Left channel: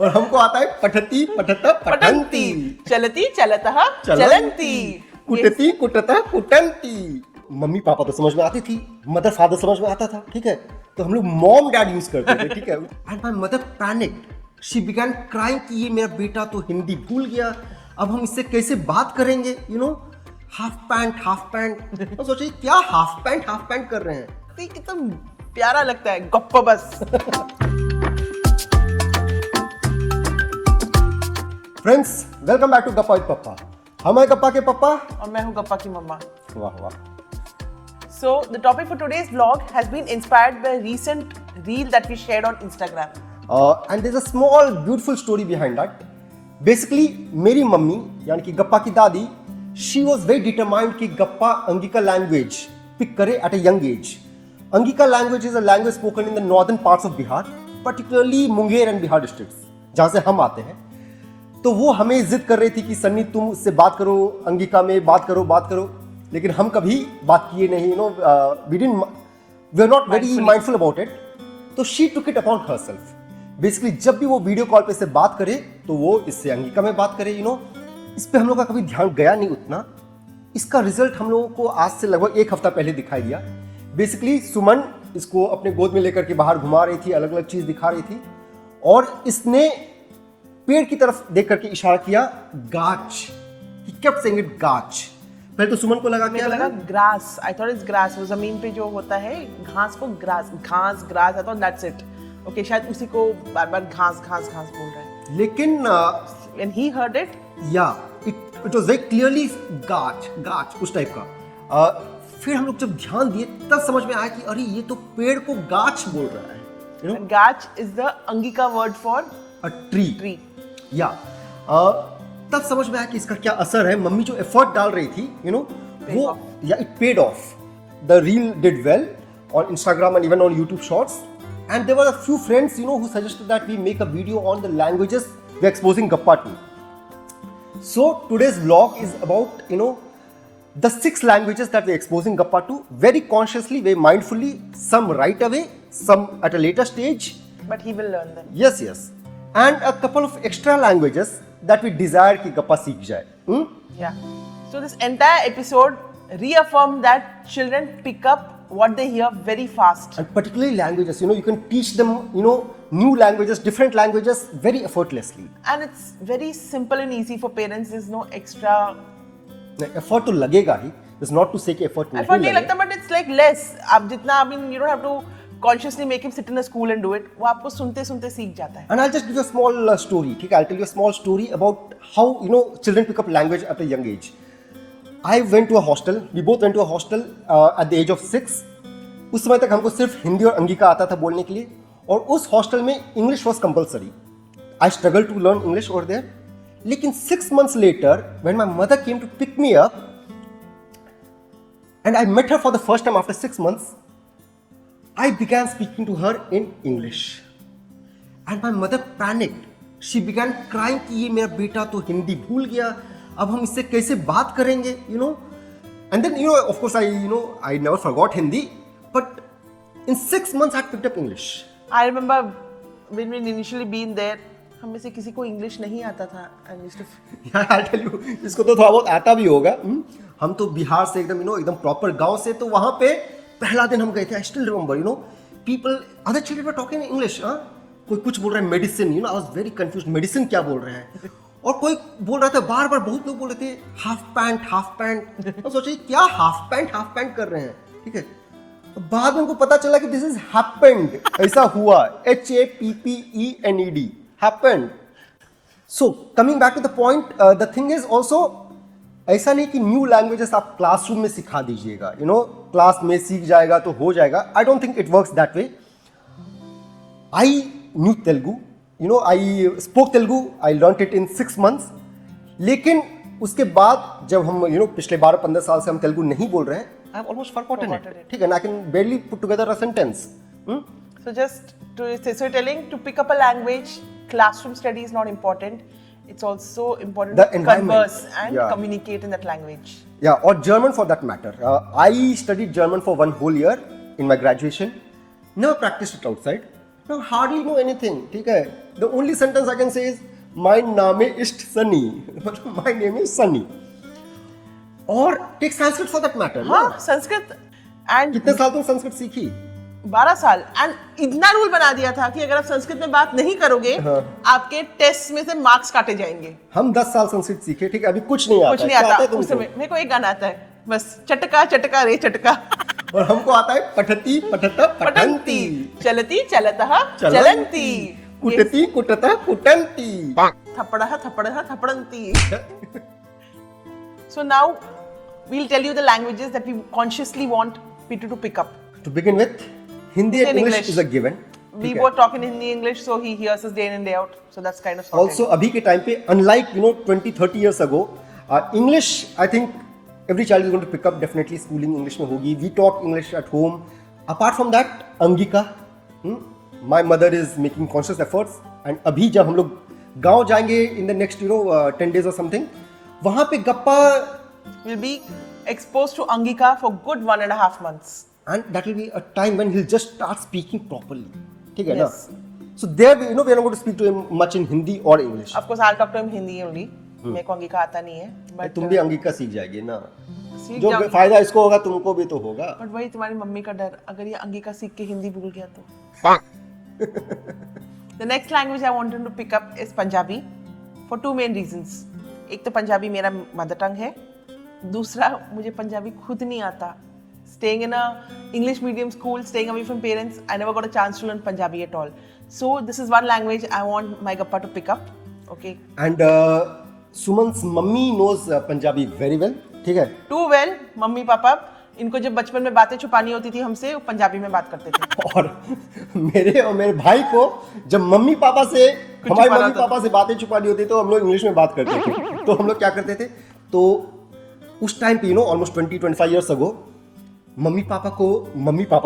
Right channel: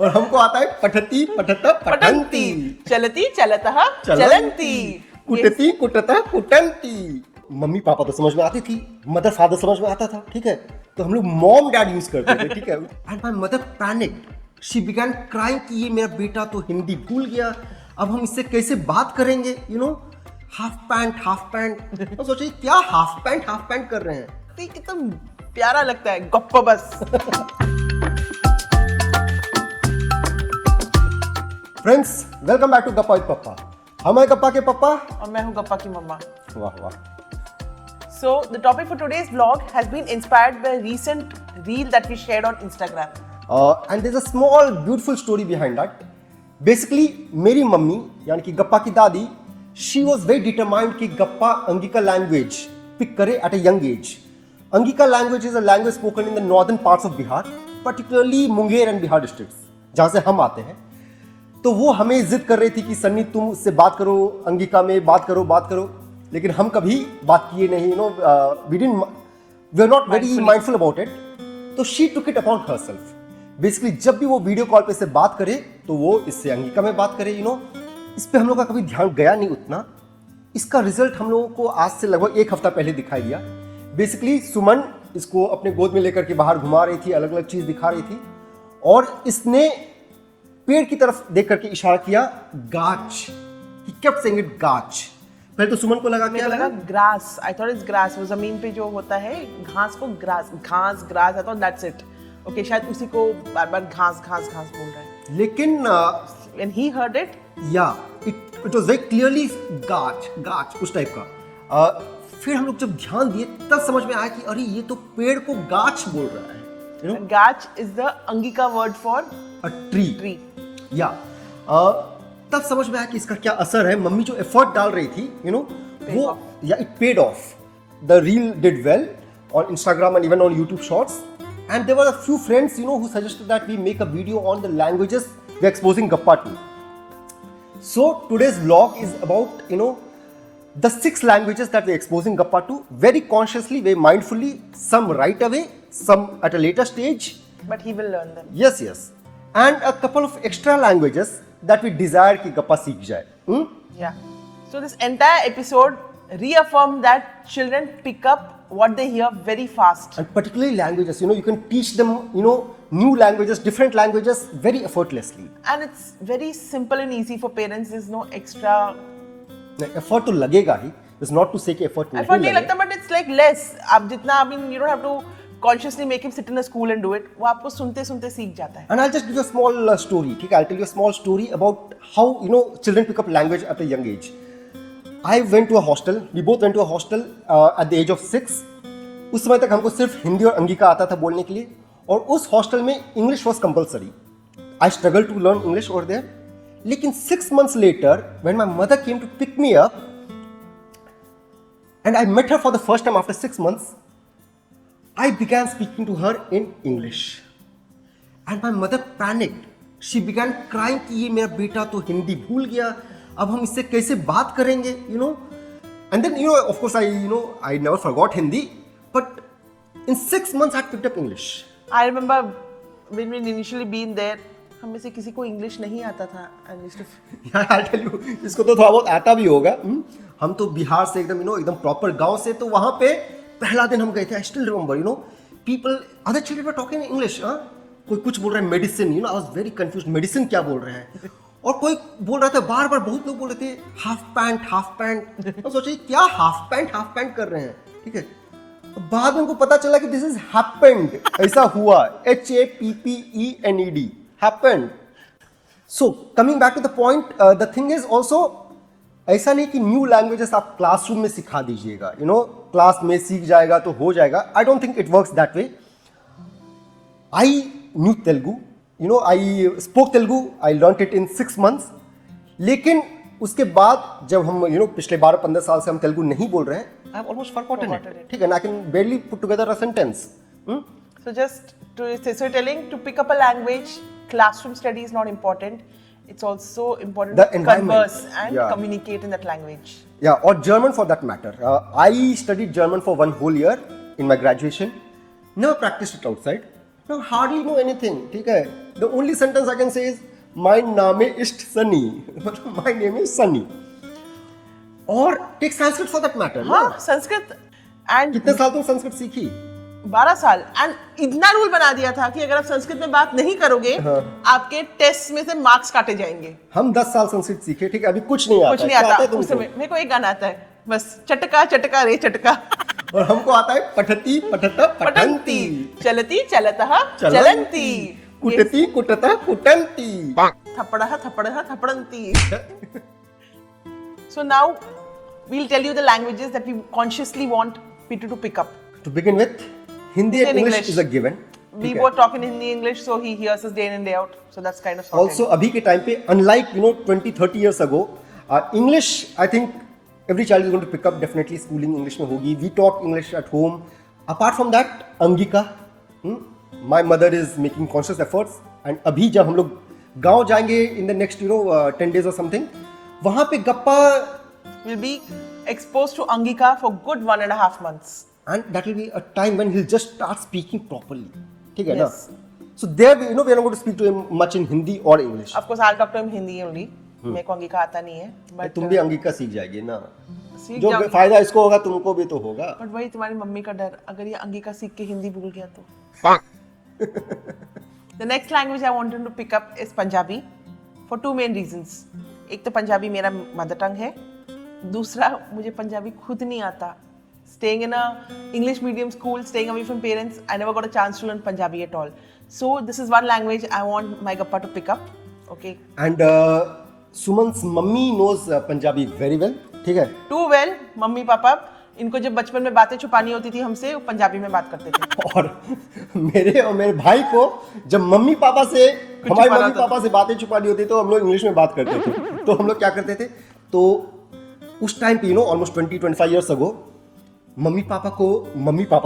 और हमको आता है पठती पठता पठंती, चलती चलतः चलंती, कुटती कुटता कुटंती। मम्मी पापा तो समझ में आती थी, मदर फादर समझ में आता था, ठीक है, तो हम लोग मॉम डैड यूज करते थे, ठीक है। And my mother panicked, she began crying कि ये मेरा बेटा तो हिंदी भूल गया, अब हम इससे कैसे बात करेंगे, यू नो, हाफ पैंट। तो सोचिए क्या हाफ पैंट कर रहे हैं। एकदम प्यारा लगता है, गप्पा बस। फ्रेंड्स, वेलकम बैक टू गप्पा विद पप्पा। हम हैं गप्पा के पप्पा और मैं हूँ गप्पा की मम्मा। वाह वाह। So the topic for today's vlog has been inspired by a recent reel that we shared on Instagram. And there's a small beautiful story behind that. Basically, मेरी मम्मी यानी कि गप्पा की दादी, she was very determined कि गप्पा Angika language pick करे at a young age. Angika language is a language spoken in the northern parts of Bihar, particularly Munger and Bihar districts, जहाँ से हम आते हैं। तो वो हमें जिद कर रही थी कि सन्नी तुम इससे बात करो, अंगिका में बात करो, लेकिन हम कभी बात किए नहीं, we are not very mindful about it. तो she took it upon herself. Basically जब भी वो वीडियो कॉल पे इससे बात करे तो वो इससे अंगिका में बात करे, इस पे हम लोग का कभी ध्यान गया नहीं उतना। इसका रिजल्ट हम लोगों को आज से लगभग एक हफ्ता पहले दिखाई दिया। बेसिकली सुमन इसको अपने गोद में लेकर के बाहर घुमा रही थी, अलग अलग चीज दिखा रही थी, और इसने पेड़ की तरफ देख करके इशारा किया, गाछ। He kept saying it, गाछ। पहले तो सुमन को लगा क्या लगा, grass. I thought it's grass. वो जमीन पे जो होता है घास को grass. I thought that's it. Okay, शायद उसी को बार-बार घास बोल रहा है। लेकिन when he heard it, it was very clearly गाछ उस टाइप का। फिर हम लोग जब ध्यान दिए तब समझ में आया कि अरे ये तो पेड़ को गाछ बोल रहा है। गाछ is the Angika word for a tree. तब समझ में आया कि इसका क्या असर है। मम्मी जो एफर्ट डाल रही थी, वो it paid off. The reel did well on Instagram and even on YouTube Shorts. And there were a few friends, who suggested that we make a video on the languages we're exposing Gappa to. So today's vlog is about, the 6 languages that we're exposing Gappa to very consciously, very mindfully, some right away, some at a later stage. But he will learn them. Yes. And a couple of extra languages that we desire कि गप्पा सीख जाए। Yeah. So this entire episode reaffirmed that children pick up what they hear very fast. And particularly languages, you can teach them, new languages, different languages very effortlessly. And it's very simple and easy for parents. There's no extra effort तो लगेगा ही. It's not to say कि effort नहीं लगता, but it's like less. आप जितना, you don't have to consciously make him sit in a school and do it. वो आपको सुनते सीख जाता है. And I'll just give a small story. ठीक है, I'll tell you a small story about how children pick up language at a young age. I went to a hostel. We both went to a hostel at the age of 6. उस समय तक हमको सिर्फ हिंदी और अंगिका आता था बोलने के लिए, और उस हॉस्टल में English was compulsory. I struggled to learn English over there. लेकिन 6 months later, when my mother came to pick me up, and I met her for the first time after 6 months, I began speaking to her in English. And my mother panicked. She began crying कि ये मेरा बेटा तो हिंदी भूल गया, अब हम इससे कैसे बात करेंगे, And then, of course, I never forgot Hindi, but in 6 months I picked up English. I remember when we initially been there, हम में से किसी को इंग्लिश नहीं आता था. इसको तो थोड़ा बहुत आता भी होगा. हम तो बिहार से एकदम प्रॉपर गांव से, तो वहां पे पहला दिन हम गए थे. I still remember, people, other children were talking in English. कोई कुछ बोल रहा है medicine, I was very confused. Medicine क्या बोल रहे हैं? और कोई बोल रहा था बार-बार, बहुत लोग बोल रहे थे हाफ पैंट. तो सोचिए क्या हाफ पैंट कर रहे हैं, ठीक है. बाद में उनको पता चला कि दिस इज हैपेंड. ऐसा हुआ, HAPPENED, happened. So coming back to the point, the thing is also, ऐसा नहीं कि न्यू लैंग्वेजेस आप क्लासरूम में सिखा दीजिएगा, क्लास में सीख जाएगा तो हो जाएगा. I don't think it works that way. I knew Telugu, I spoke Telugu, I learned it in 6 months. लेकिन उसके बाद जब हम पिछले 12-15 साल से हम तेलुगु नहीं बोल रहे हैं, I have almost forgotten it. ठीक है ना, I can barely put together a sentence. So just so telling to pick up a language, classroom study is not important. It's also important to converse and communicate in that language. Yeah, or German for that matter. I studied German for 1 whole year in my graduation. Never practiced it outside. Now hardly know anything. ठीक है. The only sentence I can say is, my name is Sunny. My name is Sunny. और take Sanskrit for that matter. हाँ, Sanskrit and कितने साल तुम संस्कृत सीखी? 12 साल and इतना रूल बना दिया था कि अगर आप संस्कृत में बात नहीं करोगे आपके टेस्ट में से मार्क्स काटे जाएंगे। हम 10 साल संस्कृत सीखे, ठीक है, अभी कुछ नहीं कुछ नहीं आता उस समय। मेरे को एक गाना आता है बस, चटका चटका रे चटका, और हमको आता है पठती पठता पठंती, चलती चलता चलंती, कुटती कुटता कुटंती, थप्पड़ा थप्पड़ंती। So now we'll tell you the languages that we consciously want Peter to pick up. To begin with, Hindi and English is a given. We were talking Hindi English, so he hears us day in and day out. So that's kind of sorted. Also, अभी के time पे, unlike 20-30 years ago, English, I think every child is going to pick up definitely schooling English में होगी. We talk English at home. Apart from that, Angika, my mother is making conscious efforts. And अभी जब हम लोग गांव जाएंगे in the next 10 days or something, वहाँ पे गप्पा will be exposed to Angika for good 1.5 months. And that will be a time when he'll just start speaking properly. Okay, yes. So there, we are not going to speak to him much in Hindi or English. Of course, I'll talk to him Hindi only. मेरे को अंगिका आता नहीं है. But तुम भी अंगिका सीख जाएगी ना. जो भी फायदा इसको होगा तुमको भी तो होगा. But वही तुम्हारी मम्मी का डर, अगर ये अंगिका सीख के हिंदी भूल गया तो. The next language I want him to pick up is Punjabi for 2 main reasons. एक तो पंजाबी मेरा मदर टंग है, दूसरा मुझे पंजाबी खुद नहीं आता. Staying in a English medium school, staying away from parents, I never got a chance to learn Punjabi at all. So this is one language I want my Gappa to pick up. Okay. And Suman's mummy knows Punjabi very well. ठीक है. Too well. Mummy papa इनको जब बचपन में बातें छुपानी होती थी हमसे, वो पंजाबी में बात करते थे. और मेरे और मेरे भाई को जब मम्मी पापा से हमारे मम्मी पापा से बातें छुपानी होती तो हम लोग इंग्लिश में बात करते थे. तो हम लोग क्या करते थे, तो उस टाइम पे almost 20-25 years ago, mummy papa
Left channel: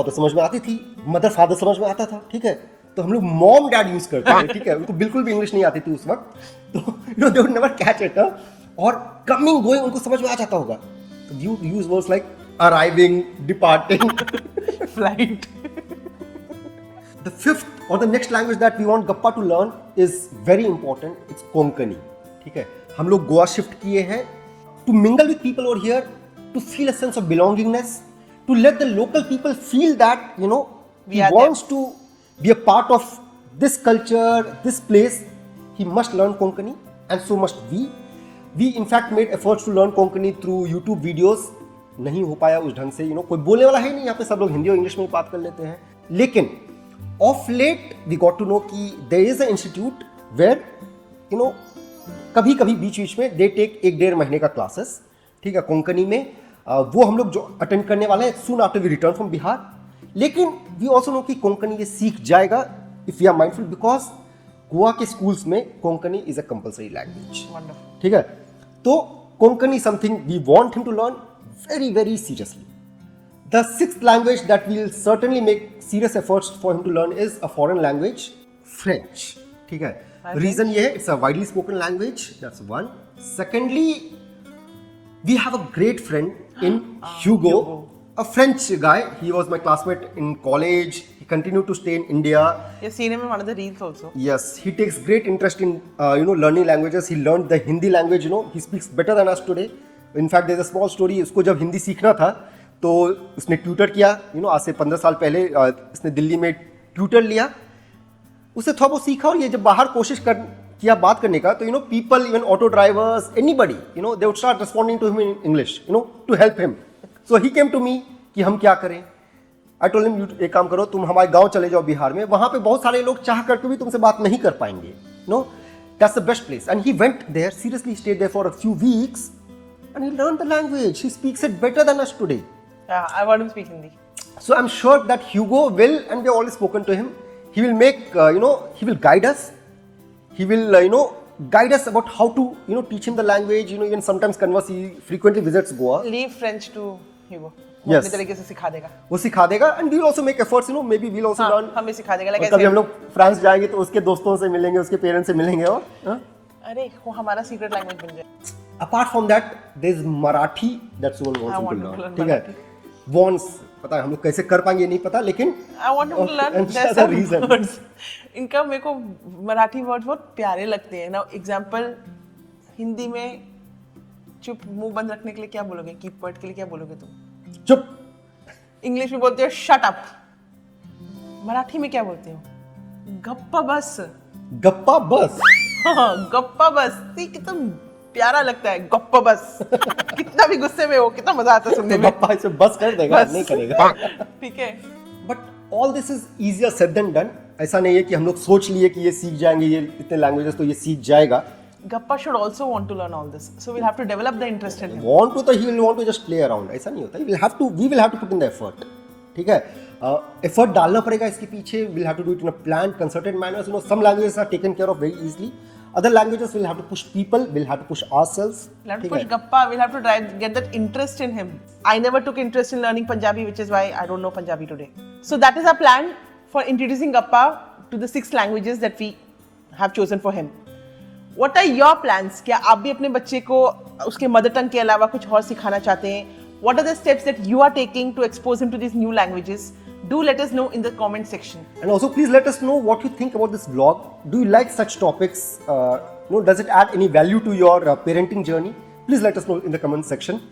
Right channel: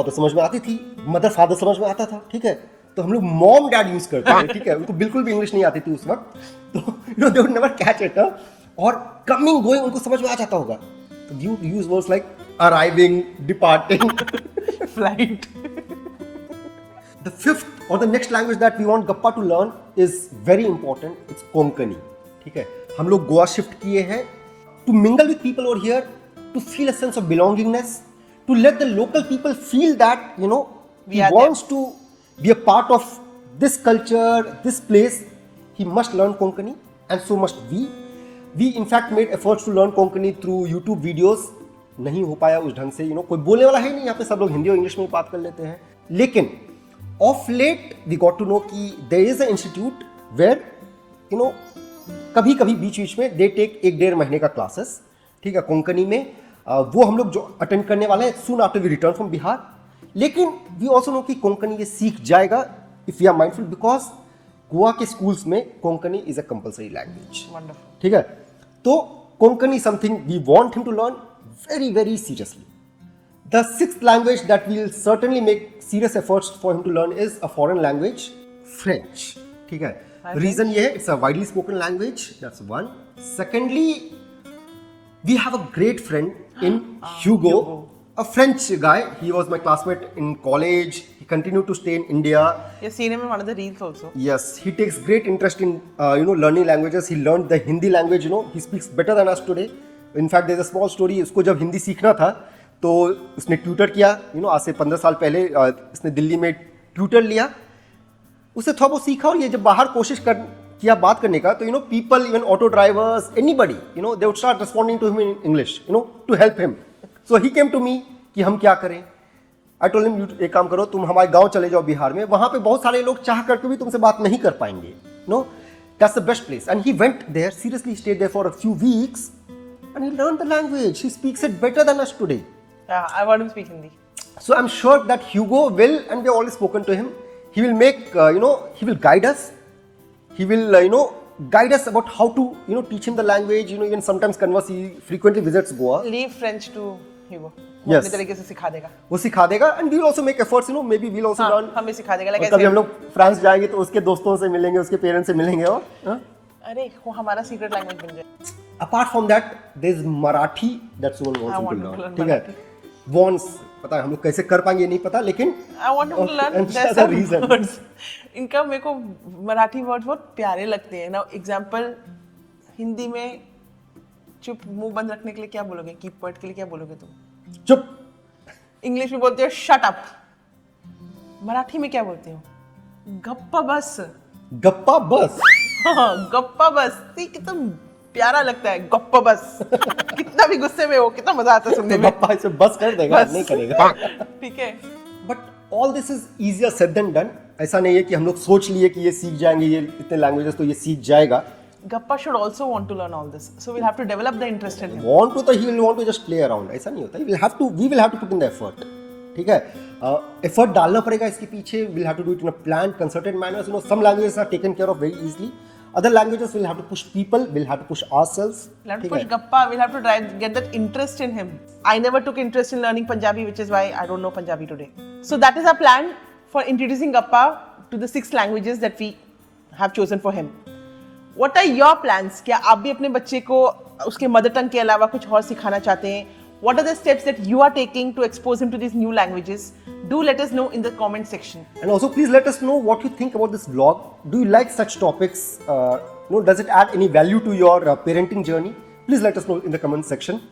तो समझ में आती थी, मदर फादर समझ में आता था, ठीक है. तो हम लोग मॉम डैड यूज करते थे, ठीक है. तो बिल्कुल भी इंग्लिश नहीं आती थी उस वक्त, तो they would never catch it. और कमिंग गोइंग उनको समझ में आ जाता होगा. तो you use words like arriving, departing. The fifth or the next language that we want Gappa to learn is very important. It's Konkani. ठीक है. हम लोग गोवा शिफ्ट किए हैं to mingle with people over here, to feel a sense of belongingness, to let the local people feel that he wants to be a part of this culture, this place. He must learn Konkani, and so must we. We in fact made efforts to learn Konkani through YouTube videos. नहीं हो पाया उस ढंग से, कोई बोलने वाला है नहीं यहाँ पे, सब लोग हिंदी और इंग्लिश में बात कर लेते हैं. लेकिन of late we got to know कि there is a institute where कभी कभी बीच में दे टेक 1-1.5 महीने का क्लासेस, ठीक है, कोंकणी में. वो हम लोग जो अटेंड करने वाले हैं soon after we return from Bihar. लेकिन वी ऑल्सो नो कि कोंकणी ये सीख जाएगा if you are mindful, because Goa के स्कूल्स में Konkani is a compulsory language. ठीक है. तो Konkani something we want him to learn very, very seriously. The sixth language that we'll certainly make serious efforts for him to learn is a foreign language, French. ठीक है. Reason ये है, it's a widely spoken language. That's one. Secondly, we have a great friend in Hugo, a French guy. He was my classmate in college. He continued to stay in India. You've seen him in one of the reels also. Yes, he takes great interest in learning languages. He learned the Hindi language. He speaks better than us today. In fact there is a small story. उसको जब हिंदी सीखना था तो उसने tutor किया, आज से 15 साल पहले इसने दिल्ली में ट्यूटर लिया. उससे थोड़ा बहुत सीखा, और ये जब बाहर कोशिश किया बात करने का, तो people, even auto drivers, anybody, they would start responding to him in English, to help him. So he came to me कि हम क्या करें. आई टोल्ड हिम, एक काम करो, तुम हमारे गांव चले जाओ बिहार में, वहां पे बहुत सारे लोग चाह करके भी तुमसे बात नहीं कर पाएंगे. That's the best place. And he went there, seriously stayed there for a few weeks. And he learned the language. He speaks it better than us today. I want him to speak Hindi. So I'm sure that Hugo will, and we have already spoken to him. He will make, he will guide us. He will, guide us about how to, teach him the language. Even sometimes converse. He frequently visits Goa. Leave French to Hugo. Yes. अपने तरीके से सिखा देगा. वो सिखा देगा, and we will also make efforts. Maybe we'll also learn. हम भी सिखा देगा. कभी हम लोग फ्रांस जाएंगे तो उसके दोस्तों से मिलेंगे, उसके पेरेंट्स से मिलेंगे. अरे वो हमारा सीक्रेट लैंग्वेज बन जाए. Apart from that, there is Marathi. That's one wants to learn. ठीक है. Wants, पता है हम लोग कैसे कर पाएंगे नहीं पता, लेकिन I want him to learn. There's some reason. इनका मेरे को मराठी वर्ड बहुत प्यारे लगते हैं ना. एग्जाम्पल हिंदी में चुप मुंह बंद रखने के लिए क्या बोलोगे? कीप वर्ड के लिए क्या बोलोगे तुम? चुप. इंग्लिश में बोलते हो शट अप. मराठी में क्या बोलते हो? गप्पा बस. गप्पा बस. हाँ, गप्पा बस. ये कितना प्यारा लगता है, गप्पा बस. कितना भी गुस्से में हो, कितना मजा आता है सुनने में. गप्पा इसे बस कर देगा, बस. नहीं करेगा. ठीक है. But all this is easier said than done. ऐसा नहीं है कि हम लोग सोच लिए कि ये सीख जाएंगे, ये इतने लैंग्वेजेस तो ये सीख जाएगा. Gappa should also want to learn all this, so we'll have to develop the interest in him. Want to तो he will want to just play around. ऐसा नहीं होता है. We will have to put in the effort. ठीक है. Effort डालना पड़ेगा इसके पीछे. We'll have to do it in a planned, concerted manner. You know, some languages are taken care of very easily. Other languages we'll have to push people. We'll have to push ourselves. We'll have to ठीक push है. Gappa. We'll have to get that interest in him. I never took interest in learning Punjabi, which is why I don't know Punjabi today. So that is our plan for introducing Gappa to the 6 languages that we have chosen for him. What are your plans? क्या आप भी अपने बच्चे को उसके mother tongue के अलावा कुछ और सिखाना चाहते हैं? What are the steps that you are taking to expose him to these new languages? Do let us know in the comment section. And also please let us know what you think about this vlog. Do you like such topics? Does it add any value to your parenting journey? Please let us know in the comment section.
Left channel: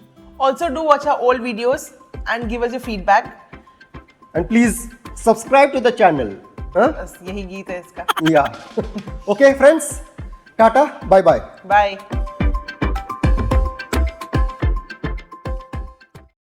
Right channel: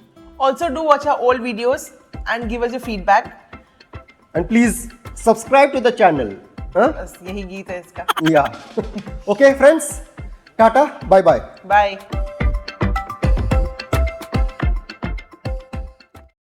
Also do watch our old videos and give us your feedback. And please subscribe to the channel. Huh? बस यही गीत है इसका. Yeah. Okay, friends. Tata. Bye bye. Bye.